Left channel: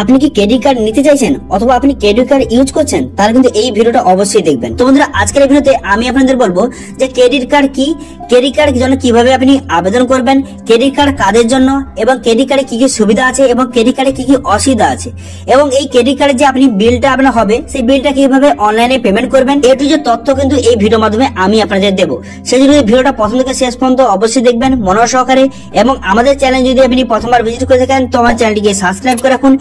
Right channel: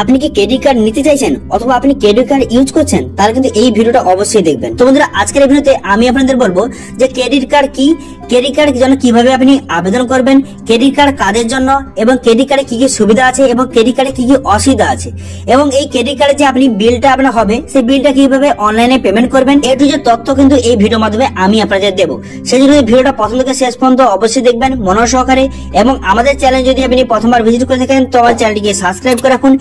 আপনি কি credit card নিতে চাইছেন অথবা আপনি ক্রেডিট কার্ড ইউজ করছেন, তাহলে কিন্তু এই ভিডিওটা অবশ্যই দেখবেন। তো বন্ধুরা, আজকের এই ভিডিওতে আমি আপনাদের বলবো যে ক্রেডিট কার্ড কি, ক্রেডিট কার্ড জন্য কিভাবে আপনি আবেদন করবেন, ক্রেডিট কার্ড কাদের জন্য, এবং ক্রেডিট কার্ডে কি কি সুবিধা আছে এবং ক্রেডিট কার্ডে কি কি অসুবিধা আছে, এবং এই ক্রেডিট কার্ডে যে আপনি বিলটা আপনার হবে সেই বিলটা কিভাবে অনলাইনে পেমেন্ট করবেন, এই কিছু তথ্য কিন্তু এই ভিডিওর মাধ্যমে আমি আপনাদের দেবো। সেই জন্য ভিডিওটা প্রথম থেকে শেষ পর্যন্ত অবশ্যই দেখবেন মনোযোগ সহকারে, এবং আমাদের চ্যানেল যদি আপনি প্রথমবার ভিজিট করে থাকেন তো আমার চ্যানেলটিকে সাবস্ক্রাইব করে রাখুন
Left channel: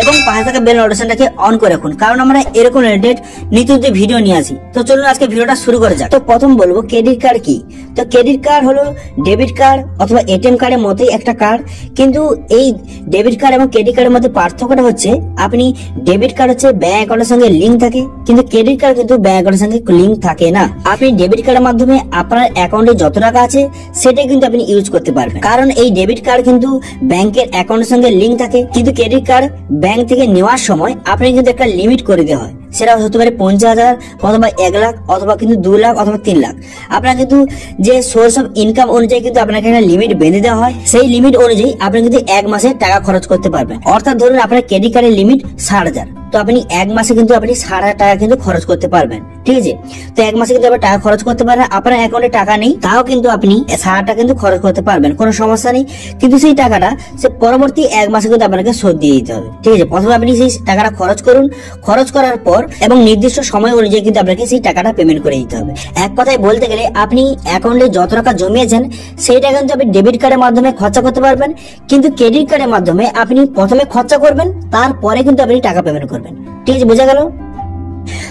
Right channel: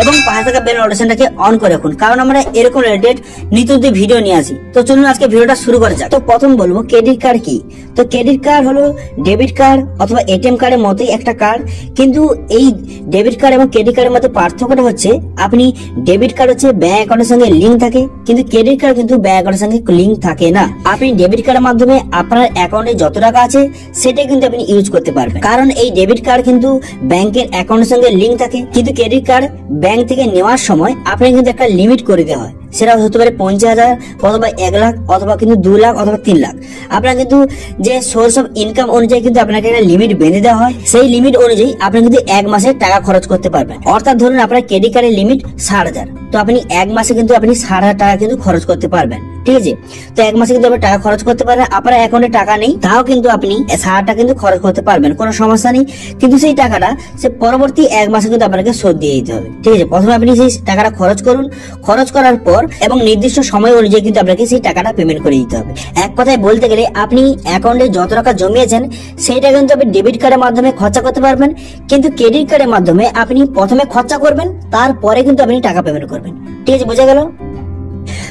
এবং পাশে থাকা বেল নোটিফিকেশনটাকে অন করে রাখুন, কারণ আমরা এরকম রিলেটেড নিত্য ভিডিও নিয়ে আসি। তো চলুন আজকে ভিডিওটা শুরু করা যাক। তো প্রথম বলবো ক্রেডিট কার্ড কি। তো ক্রেডিট কার্ড হলো ডেবিট কার্ড অথবা এটিএম কার্ডের মতোই একটা কার্ড, কিন্তু এই ডেবিট কার্ড এবং ক্রেডিট কার্ডের মধ্যে পার্থক্যটা হচ্ছে আপনি ডেবিট কার্ড হচ্ছে ব্যাংক অ্যাকাউন্টের সঙ্গে লিংক থাকে, কিন্তু ক্রেডিট কার্ড কিন্তু ব্যাংক অ্যাকাউন্টের সঙ্গে লিংক থাকে না। আপনি ডেবিট কার্ডের মাধ্যমে আপনার অ্যাকাউন্টে যত টাকা আছে সেটা কিন্তু আপনি ইউজ করতে পারবেন, কারণ এই ডেবিট কার্ড কিন্তু ব্যাংকের অ্যাকাউন্টের সঙ্গে লিংক থাকে, কিন্তু ক্রেডিট কার্ড ব্যাংক থেকে নেওয়ার সময় আপনি কিন্তু একটা লিমিট করে দেওয়া হয়, সেটা হতে পারে 50,000 অথবা 1 লাখ অথবা কিন্তু 2 লাখ অথবা 3 লাখ। আপনার কিন্তু যে সোর্স অফ ইনকাম অনুযায়ী কিন্তু আপনাকে একটা লিমিট বেঁধে দেওয়া হয়, সেই লিমিট অনুযায়ী আপনি কিন্তু 1 মাসে টাকা খরচ করতে পারবেন। অর্থাৎ ধরুন আপনার ক্রেডিট কার্ডের লিমিট 60,000, তো আপনি 1 মাসে কিন্তু আপনি 60,000 টাকা কিন্তু খরচ করতে পারবেন, ঠিক আছে। তো 1 মাসে কিন্তু আপনি টাকা খরচ করতে পারবেন, আপনার অ্যাকাউন্টে টাকা নেই তাও কিন্তু আপনি 60 টাকা কিন্তু খরচ করতে পারবেন, কোনো সমস্যা নেই। কিন্তু সেই টাকাটা সে পরবর্তী 1 মাসে কিন্তু আপনাকে শোধ দিয়ে দিতে হবে, ঠিক আছে। প্রথমে আপনি সেই টাকাটা খরচ করুন, খরচ করার পর এবং নির্দিষ্ট সময় অনুযায়ী কিন্তু আপনাকে সেই টাকাটা পেমেন্ট করে দিতে হবে। এক কথায় বলতে গেলে আপনি অ্যাকাউন্টে যত টাকা জমিয়েছেন সেইটা কিন্তু আপনি ডেবিট কার্ডের মাধ্যমে খরচা করতে পারবেন, কিন্তু ক্রেডিট কার্ডের মাধ্যমে আপনি প্রথমে খরচা করবেন তারপরে কিন্তু আপনি টাকা পেমেন্ট করবেন, ঠিক আছে, বোঝা গেল।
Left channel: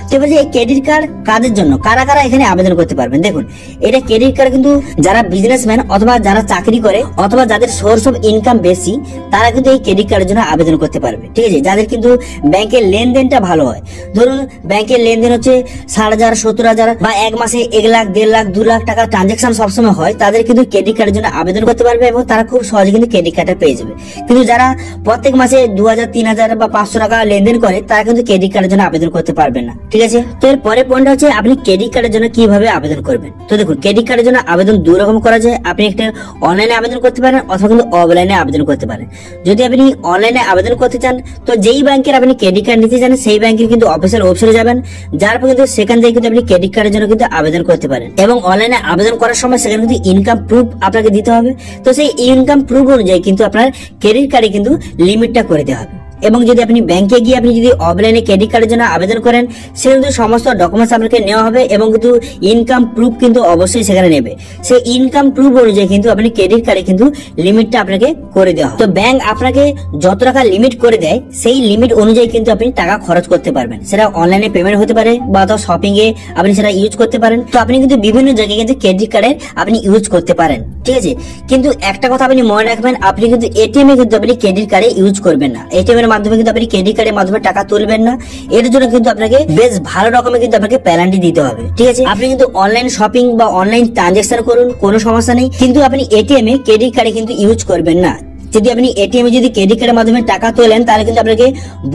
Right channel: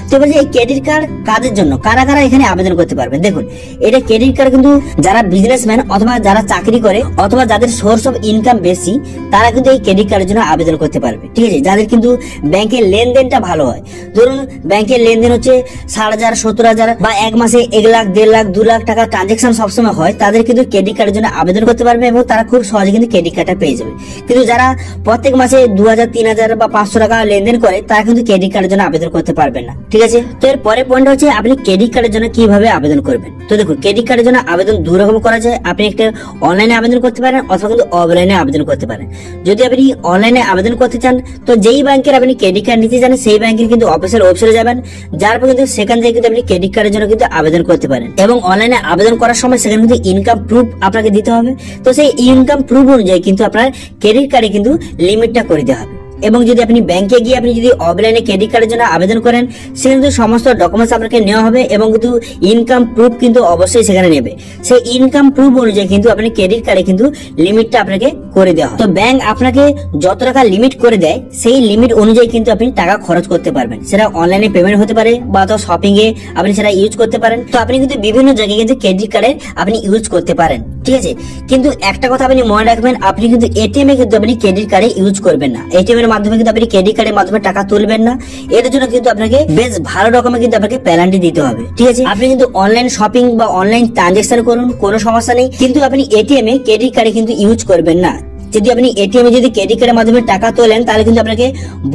তো এবার এই ক্রেডিট কার্ড কাদের জন্য, কারা কারা এখানে আবেদন করতে পারবেন, দেখুন এটা ক্রেডিট কার্ড কিন্তু যারা বিজনেসম্যান অথবা যারা চাকরি করে অথবা যাদের সোর্স অফ ইনকাম বেশি তারা কিন্তু এই ক্রেডিট কার্ডের জন্য আবেদন করতে পারবে, ঠিক আছে। যাদের কিন্তু ব্যাংকের লেনদেনটা ভালো হয়, ধরুন ব্যাংকের লেনদেন হচ্ছে 60,000 70,000 বা 1 মাসে 1 লাখ 1.5 লাখ 2 লাখ টাকা ট্রানজাকশন সবসময় হয়, তাদের কিন্তু ক্রেডিট কার্ডের জন্য আবেদন করতে পারবে এবং তারা খুব সহজে কিন্তু ক্রেডিট কার্ডটা পেয়ে যাবে। কিন্তু যারা প্রত্যেক মাসে 2,000 3,000 বা 500 টাকা লেনদেন করে তারা কিন্তু ক্রেডিট কার্ডের জন্য আবেদন করতে পারবে না, ঠিক আছে। তো এর পরের পয়েন্ট হচ্ছে আপনি ক্রেডিট কার্ডের জন্য কিভাবে আবেদন করবেন। তো দেখুন ক্রেডিট কার্ডের জন্য আবেদন দুই রকম করা যায়, আপনি একটা অনলাইনে আবেদন করতে পারেন অথবা কিন্তু অফলাইনে আবেদন করতে পারেন। যদি আপনি অনলাইনে আবেদন করতে চান তো যেই ব্যাংকের আপনি ক্রেডিট কার্ড নিতে চান সেই ব্যাংকের কিন্তু অফিসিয়াল ওয়েবসাইটে যাবেন, যার পর কিন্তু সেখান থেকে কিন্তু আপনি ক্রেডিট কার্ডের জন্য কিন্তু আবেদন করতে পারেন, এবং অনলাইনে আবেদন করার সময় সেখানে কিন্তু ইনকাম প্রুফ আপনাকে দিতে হবে। তো সেই ইনকাম প্রুফ অনুযায়ী কিন্তু আপনার ক্রেডিট কার্ডে কিন্তু লিমিটটা করে দেওয়া হবে। এবং যদি আপনি ব্যাংকে গিয়ে আপনি যদি অফলাইনে ক্রেডিট কার্ডের জন্য আবেদন করেন সেখানে কিন্তু সমস্ত ডকুমেন্টস আপনাকে নেওয়া হবে এবং কিন্তু ইনকাম প্রুফ কিন্তু অবশ্যই সেখানে নেবে। সেই ইনকাম প্রুফ অনুযায়ী কিন্তু আপনি ক্রেডিট কার্ডে কিন্তু লিমিটটা আপনাকে করে দেওয়া হয়। তো ব্যাংক আপনাকে যত টাকা লিমিট করে দেয় সেই লিমিট অনুযায়ী কিন্তু আপনি টাকা খরচ করতে পারবেন, সেটা অনলাইনে পেমেন্ট হতে পারে বা তো শপিং এ আপনি সেটা ইউজ করতে পারেন। তো আপনি কিন্তু বিভিন্ন জায়গায় কিন্তু ক্রেডিট কার্ডের আপনি ইউজ করতে পারেন, ঠিক আছে। কিন্তু একটা কথা আপনি মনে রাখবেন, আপনি কিন্তু এটিএম এ কিন্তু আপনি ক্রেডিট কার্ডে ইউজ করবেন না, এটিএম এর মাধ্যমে কিন্তু আপনি ক্রেডিট কার্ডের মাধ্যমে টাকা তুলবেন না। এর জন্য কিন্তু আপনাকে বেশ ভালো রকমের কিন্তু আপনাকে পেনাল্টি দিতে হবে, ঠিক আছে। আপনি কিন্তু অনলাইন শপিং বা অনলাইন ট্রানজাকশন করুন, কোনো সমস্যা নেই, কিন্তু আপনি এটিএম এ ক্রেডিট কার্ডে কিন্তু ইউজ করবেন না। যদি আপনি এটিএম এ যদি ক্রেডিট কার্ডের মাধ্যমে টাকা তোলেন তাহলে কিন্তু আপনাকে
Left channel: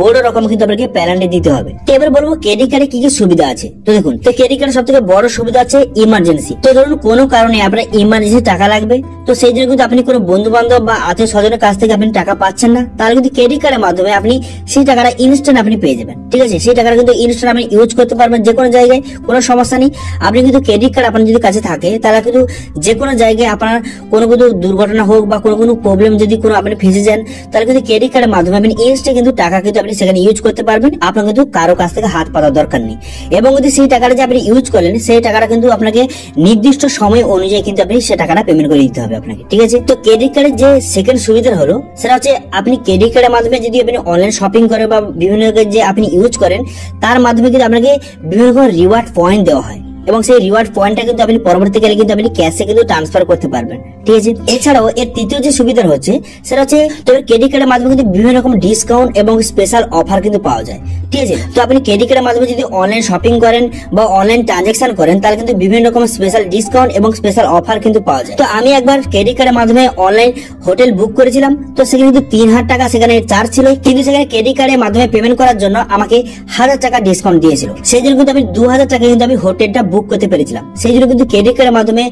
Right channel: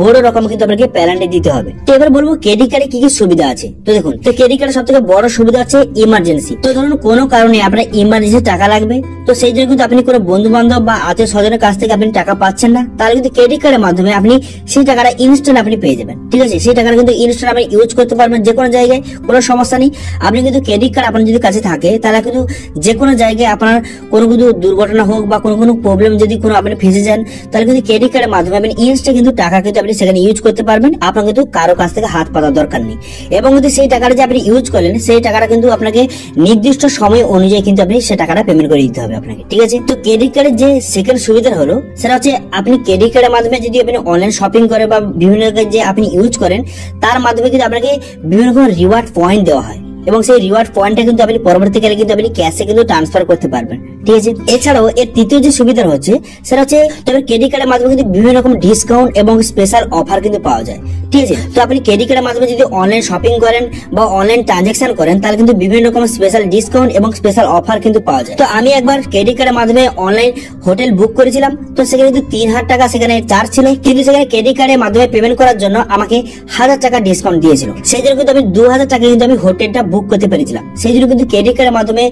বড় রকম কিন্তু আপনাকে পেনাল্টি দিতে হবে। তো এবার বলবো ক্রেডিট কার্ডে কি কি সুবিধা আছে। তো দেখুন তো ক্রেডিট কার্ডের সবথেকে বড় সুবিধা আছে ইমার্জেন্সি। তো ধরুন কোনো কারণে আপনার ইমার্জেন্সি টাকা লাগবে, তো সেই জন্য কিন্তু আপনি কোনো বন্ধু বান্ধব বা আত্মীয় স্বজনের কাছ থেকে আপনি টাকা পাচ্ছেন না, তাহলে কিন্তু ক্রেডিট কার্ডের মাধ্যমে আপনি সেই টাকাটা ইনস্ট্যান্ট আপনি পেয়ে যাবেন, ঠিক আছে। সেই টাকাটা কিন্তু ইনস্ট্যান্ট আপনি ইউজ করতে পারবেন যে কোনো জায়গায়, কোনো সমস্যা নেই। আপনি কিন্তু ক্রেডিট কার্ড আপনার যদি কাছে থাকে তাহলে কিন্তু যে কোনো জায়গায় আপনার কোনো কিন্তু দুর্ঘটনা হোক বা কোনো প্রবলেম যদি কোনো আপনি ফেসে যান তাহলে কিন্তু ক্রেডিট কার্ডের মাধ্যমে আপনি ইনস্ট্যান্ট কিন্তু টাকা কিন্তু আপনি সেখানে ইউজ করতে পারবেন, আপনার কিন্তু কারো কাছ থেকে হাত পাতার দরকার নেই। এবং যদি সেই টাকাটা যে আপনি ইউজ করেন সেই টাকাটা কিন্তু আপনাকে নির্দিষ্ট সময় অনুযায়ী কিন্তু আপনি সেই টাকাটা পেমেন্ট করে দিতে হবে আপনাকে, ঠিক আছে। তো ক্রেডিট কার্ডের যে সেকেন্ড সুবিধা হলো সেটা হচ্ছে আপনি ক্রেডিট কার্ডের মাধ্যমে যদি আপনি অনলাইন শপিং করেন বা বিভিন্ন যে আপনি ইউজ করেন তার মাধ্যমে কিন্তু আপনাকে বিভিন্ন রকম রিওয়ার্ড পয়েন্ট দেওয়া হয়, এবং সেই রিওয়ার্ড পয়েন্টটা কিন্তু আপনি পরবর্তীকালে কিন্তু আপনি ক্যাশে কিন্তু ট্রান্সফার করতে পারবেন, ঠিক আছে। এছাড়াও এর তৃতীয় যে সুবিধা হচ্ছে সেটা হচ্ছে তোমার ক্রেডিট কার্ডের মাধ্যমে কিন্তু বিভিন্ন রকম ডিসকাউন্ট এবং স্পেশাল অফার কিন্তু পাওয়া যায়, ঠিক আছে। তো আপনি ক্রেডিট কার্ডের মাধ্যমে যদি অনলাইন শপিং করেন বা অনলাইন ট্রানজাকশন করেন তাহলে কিন্তু বিভিন্ন রকম স্পেশাল ডিসকাউন্ট এবং স্পেশাল অফার কিন্তু পাওয়া যায়। তো আমি একবার ক্রেডিট কার্ডের মাধ্যমে অনলাইন হোটেল বুক করেছিলাম, তো সেখানে কিন্তু 3,000 টাকা সেখানে চার্জ ছিল, কিন্তু সেখানে ক্রেডিট কার্ডের মাধ্যমে পেমেন্ট করার জন্য আমাকে 1,000 টাকা ডিসকাউন্ট দিয়েছিল, সেই জন্য কিন্তু আমি 2,000 টাকা কিন্তু আমি হোটেলটা বুক বুক করতে পেরেছিলাম। সেই জন্য কিন্তু ক্রেডিট কার্ডের মাধ্যমে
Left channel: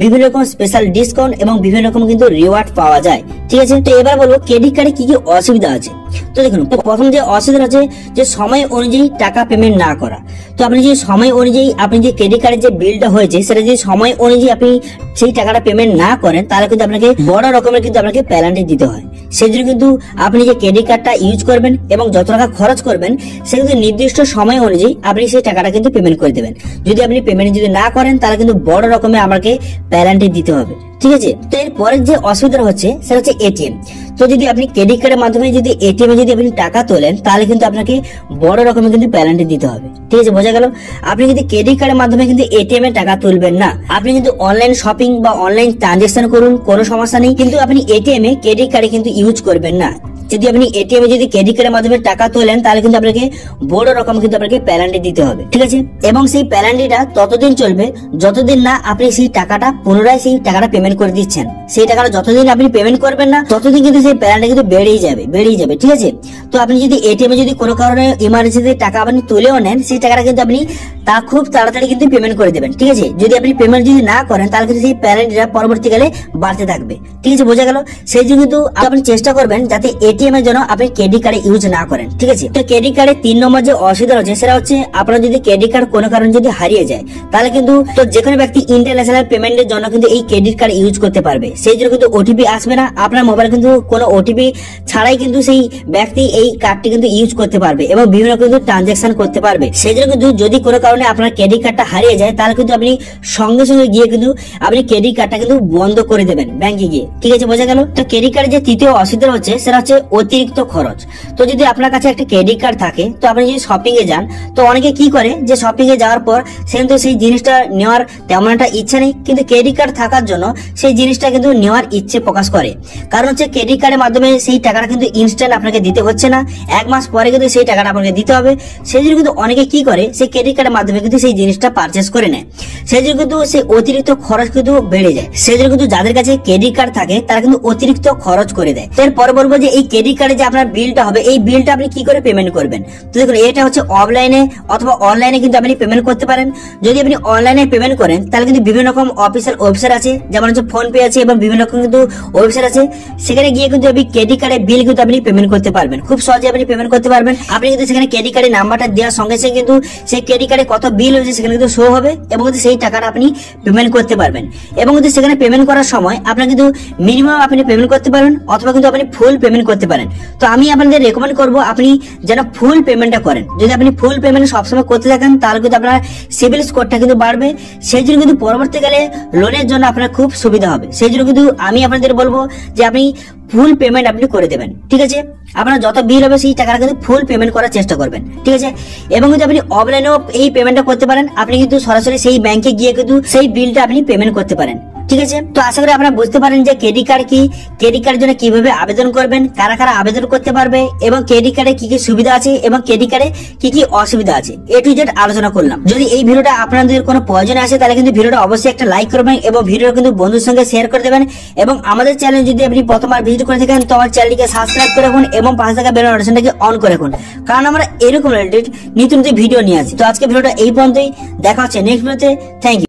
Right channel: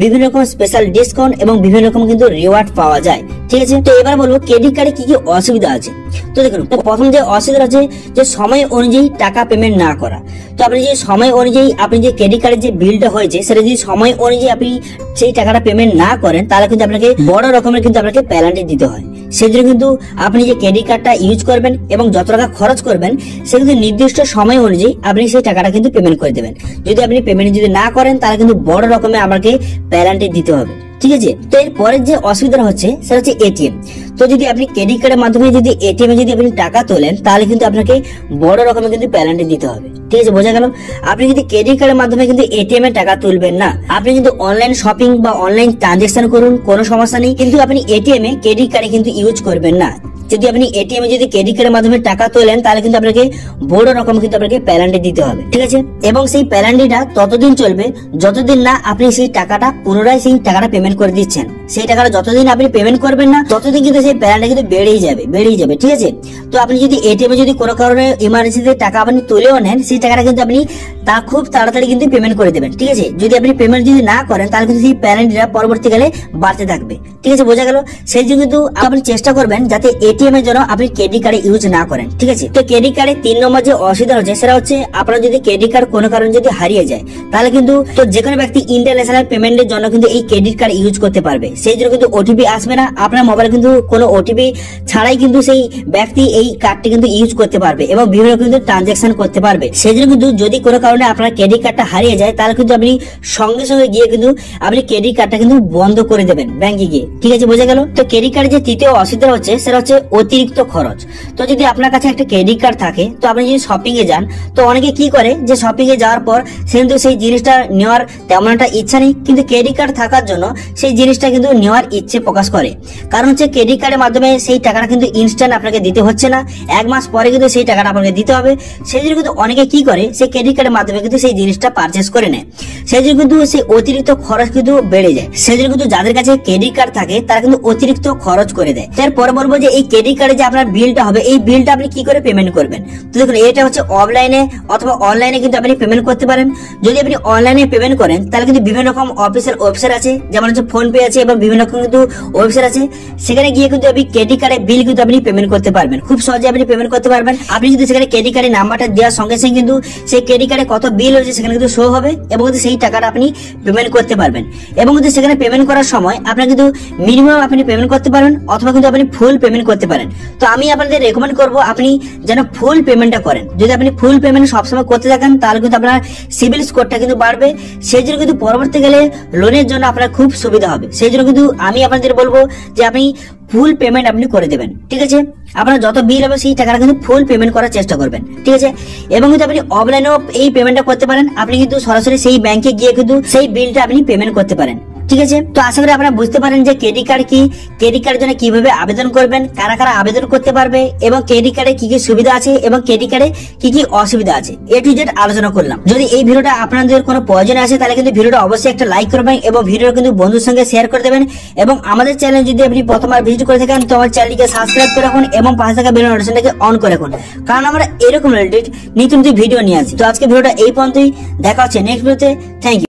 বিভিন্ন রকম স্পেশাল ডিসকাউন্ট এবং বিভিন্ন রকম কিন্তু রিওয়ার্ড পাওয়া যায়। ঠিক আছে, তো এবার বলবো ক্রেডিট কার্ডে কি কি অসুবিধা আছে। তো দেখুন, প্রথম যে অসুবিধা আছে যে সময় অনুযায়ী টাকা পেমেন্ট না করা। তো আপনি যে সময় অনুযায়ী আপনি যে ক্রেডিট কার্ডের যে বিলটা হয়েছে সেটা যদি সময় অনুযায়ী আপনি সেই টাকাটা পেমেন্ট না করেন তাহলে কিন্তু আপনাকে বড় রকমের কিন্তু আপনাকে পেনাল্টি দিতে হয়। সেই জন্য কিন্তু আপনি যে ক্রেডিট কার্ডটা ইউজ করবেন এবং যত টাকা খরচ করবেন সে কিন্তু নির্দিষ্ট সময় অনুযায়ী আপনি সেই টাকাটা কিন্তু পেমেন্ট করে দেবেন। যদি আপনি পেমেন্ট যদি না করেন তাহলে কিন্তু বড় রকমের আপনাকে পেনাল্টি দিতে হবে। ঠিক আছে, তো এর পরের যে অসুবিধা হচ্ছে সেটা হচ্ছে এটিএম। তো যদি আপনি ক্রেডিট কার্ডের মাধ্যমে যদি এটিএম এ যদি আপনি টাকা তোলেন তাহলে কিন্তু আপনাকে বড় রকমের কিন্তু পেনাল্টি দিতে হবে। ঠিক আছে, বোঝা গেল। আপনি কিন্তু ক্রেডিট কার্ডের মাধ্যমে কিন্তু এটিএম এ টাকা তুলবেন না। আপনি কিন্তু অনলাইন শপিং বা অনলাইন ট্রানজাকশন করুন, কোনো সমস্যা নেই, কিন্তু আপনি এটিএম এ ক্রেডিট কার্ডে কিন্তু ইউজ করবেন না। যদি আপনি এটিএম এ যদি ক্রেডিট কার্ডের মাধ্যমে টাকা তোলেন তাহলে কিন্তু আপনাকে বড় রকম কিন্তু আপনাকে পেনাল্টি দিতে হবে। ঠিক আছে, এবং সেই পেনাল্টিটা ততদিন চলবে যতদিন না আপনি সেই টাকাটা পুনরায় সেই টাকাটা পেমেন্ট করে দিচ্ছেন। সেই টাকাটা যতদিন আপনি পেমেন্ট করবেন না ততদিন কিন্তু সেই পেনাল্টি কিন্তু বেড়েই যাবে। ঠিক আছে, তো আপনি যদি এটিএম এ যদি কোনো কারণে ইমার্জেন্সিতে টাকা আপনি তুলেও নেন সেই টাকাটা কিন্তু আপনি তা খুব তাড়াতাড়ি কিন্তু পেমেন্ট করে দেবেন। ঠিক আছে, যদি আপনি পেমেন্ট যদি না করেন তাহলে কিন্তু সেই পেনাল্টিটা পরবর্তীকালে বাড়তে থাকবে। ঠিক আছে, বোঝা গেল। সেই জন্য কিন্তু আপনি চেষ্টা করবেন যাতে এটিএম এর জন্য আপনি ক্রেডিট কার্ড ইউজ না করেন। ঠিক আছে, তো ক্রেডিট কার্ডের 3 নম্বর যে অসুবিধা হচ্ছে সেটা হচ্ছে আপনার যদি ক্রেডিট কার্ড কোনো কারণে যদি হারিয়ে যায় তাহলে কিন্তু তো যে কোনো ব্যক্তি ইন্টারন্যাশনাল পেমেন্টের জন্য কিন্তু এই ক্রেডিট কার্ড ইউজ করতে পারবে। সেই জন্য কিন্তু ওটিপি আসবে না আপনার মোবাইলে, কিন্তু কোনো ওটিপি ছাড়াই কিন্তু সেই ব্যক্তি এই কার্ডটি কিন্তু ইউজ করতে পারবে এবং বিভিন্ন রকম কিন্তু ট্রানজাকশন করতে পারবে। সেই জন্য কিন্তু যদি কোনো কারণে আপনার ক্রেডিট কার্ডটা হারিয়ে যায় তাহলে কিন্তু আপনি সঙ্গে সঙ্গে গিয়ে কিন্তু আপনি ক্রেডিট কার্ডটা কিন্তু বন্ধ করে দেবেন ব্যাংকে গিয়ে। ঠিক আছে, বোঝা গেল। তো ক্রেডিট কার্ডের যে তৃতীয় অসুবিধা হচ্ছে সেটা হচ্ছে অতিরিক্ত খরচ। তো যদি আপনার কাছে একটা ক্রেডিট কার্ড থাকে তো আপনি যদি শপিং এ যান তো অনেকে কি করে যে শপিং এ যাওয়ার পর সে কিন্তু সেই জিনিসটা নেওয়ার তেমন একটা ইচ্ছা নেই, কিন্তু ক্রেডিট কার্ড থাকার জন্য সেই জিনিসটা কিন্তু নেওয়ার ইচ্ছে প্রকাশ করে। কারণ হচ্ছে ক্রেডিট কার্ডের মাধ্যমে সেই টাকাটা কিন্তু ইনস্ট্যান্ট আপনাকে দিতে হচ্ছে না, 1 মাস পরে কিন্তু সেই টাকাটা আপনাকে দিতে হবে। সেই জন্য কিন্তু অনেকে কি করে সেই ক্রেডিট কার্ডের মাধ্যমে কিন্তু সেই জিনিসটা পারচেস করে নেয়। সেই জন্য কিন্তু সেই অতিরিক্ত খরচ কিন্তু বেড়ে যায়। সেই জন্য কিন্তু যাদের কাছে ক্রেডিট কার্ড থাকে তারা কিন্তু অতিরিক্ত খরচ করে দেয়। তারপরে বলবো যে এই ক্রেডিট কার্ডে যে আপনার বিলটা হবে এই বিলটা আপনি কি করে পেমেন্ট করবেন। তো দেখুন, এটা হচ্ছে অফলাইনে অথবা অনলাইনে কিন্তু আপনি পেমেন্ট করতে পারেন। যদি আপনি অনলাইনে পেমেন্ট করেন তাহলে কিন্তু বিভিন্ন রকম অফিসিয়াল ওয়েবসাইট আছে, যেমন হচ্ছে ফোন পে আছে এবং বিভিন্ন রকম কিন্তু ওয়েবসাইট আছে। সেখানে গিয়ে কিন্তু আপনি ক্রেডিট কার্ডের বিল কিন্তু আপনি পেমেন্ট করতে পারবেন, খুব সহজে আপনি পেমেন্ট করতে পারবেন। আপনি কিন্তু সেখানে ক্রেডিট কার্ডের নাম্বারটা দেওয়ার সঙ্গে সঙ্গে কিন্তু সেই ক্রেডিট কার্ডে কত বিল হয়েছে সেখানে কিন্তু শো হবে এবং কিন্তু সেই টাকাটা আপনি পেমেন্ট করতে পারবেন। এবং কিন্তু সেখানে পেমেন্ট করার সময় আপনি কিন্তু মিনিমাম আপনি পেমেন্ট করতে পারেন অথবা কিন্তু আপনি ফুল পেমেন্ট করতে পারেন। তো আমি আপনাদের রেকমেন্ড করবো আপনি যেন ফুল পেমেন্টটা করেন। যদি আপনি ফুল পেমেন্ট সবসময় করতে থাকেন তাহলে কিন্তু আপনার সিভিল স্কোরটা কিন্তু বাড়বে। সেই জন্য কিন্তু পরবর্তীকালে লোনের জন্য আপনার খুব সুবিধা হবে। সেই জন্য কিন্তু আমি আপনাদের বলবো যে আপনি ফুল পেমেন্ট আপনি করে দেবেন। ঠিক আছে, আপনার যত বিল হবে সেই টাকাটা কিন্তু ফুল পেমেন্ট করার চেষ্টা করবেন। ঠিক আছে, এবং কিন্তু আপনি অফলাইনেও এই পেমেন্টটা করতে পারেন। আপনি কিন্তু সরাসরি সেই ব্যাংকে গিয়ে কিন্তু সেই বিলটা আপনি পেমেন্ট করতে পারেন। ঠিক আছে, তো আশা করি আপনারা বুঝতে পারেন যে ক্রেডিট কার্ড কি, ক্রেডিট কার্ডের জন্য কিভাবে আবেদন করবেন, কারা কারা আবেদন করতে পারবে এবং ক্রেডিট কার্ডে কি কি সুবিধা আছে এবং ক্রেডিট কার্ডে কি কি অসুবিধা আছে, A to Z আলোচনা করলাম। যদি এই ভিডিওটা আপনাদের কোনো প্রয়োজন আসে তাহলে কিন্তু ভিডিওটা অবশ্যই একটা লাইক করবেন এবং ভিডিওটা কিন্তু বন্ধুর সঙ্গে শেয়ার করে দেবেন। এবং আমাদের চ্যানেল যদি আপনি প্রথমবার ভিজিট করে থাকেন তো আমার চ্যানেলকে সাবস্ক্রাইব করে রাখুন এবং পাশে থাকা বেল নোটিফিকেশনটাকে অন করে রাখুন, কারণ আমরা এরকম রিলেটেড নিত্য নতুন ভিডিও নিয়ে আসি। তো আজকে ভিডিওটা এই পর্যন্তই, দেখা হচ্ছে নেক্সট ভিডিওতে। Thank you.